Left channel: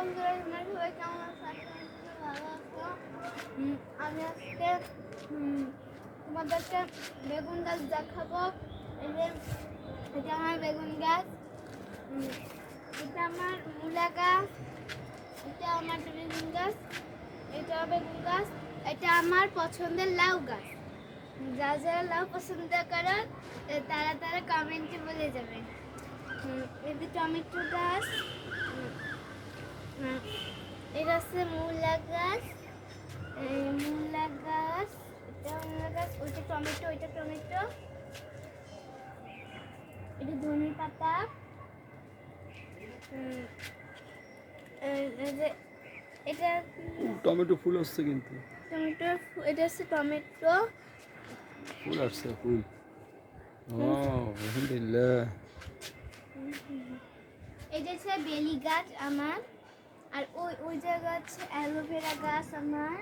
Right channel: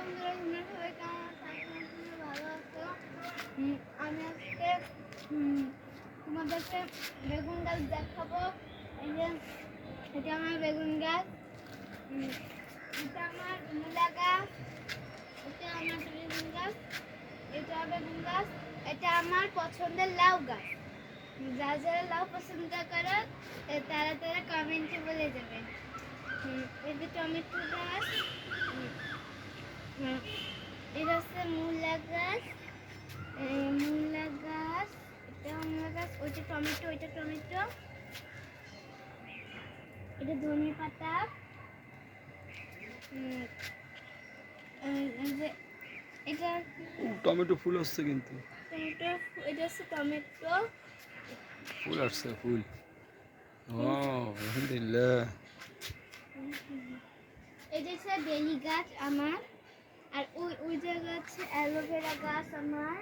বন্ধুরা, তোমরা সবাই কেমন আছো? আশা করি তোমরা ভালো আছো। আমি আজকে তোমাদেরকে বেগুন গাছ দেখাবো। এই যে এটা আমার বেগুন গাছ, এটা আমার মূলা গাছ, এটা আমার বেগুন গাছ, এটা বেগুন গাছ, এটা আমার পছন্দের লাউ গাছ। যারা যারা লাউ পছন্দ করো তারা তারা কমেন্টে বলে যাবে। এই যে টমেটো গাছ, এটা হচ্ছে মূলা গাছ, মূলা গাছ, এটা মূলা গাছ, ওইটা টমেটো, ওইটা টমেটো, এটা ধনে পাতা, এই যে এটা টমেটো ফুল আসছে কিন্তু টমেটো, এটা হচ্ছে টমেটো, ফুল আসছে ফুল। ও আলহামদুলিল্লাহ। এটা হচ্ছে বেলি গাছ আমার, আর ওই ওই জায়গা হচ্ছে অ্যালোভেরা গাছ আমার।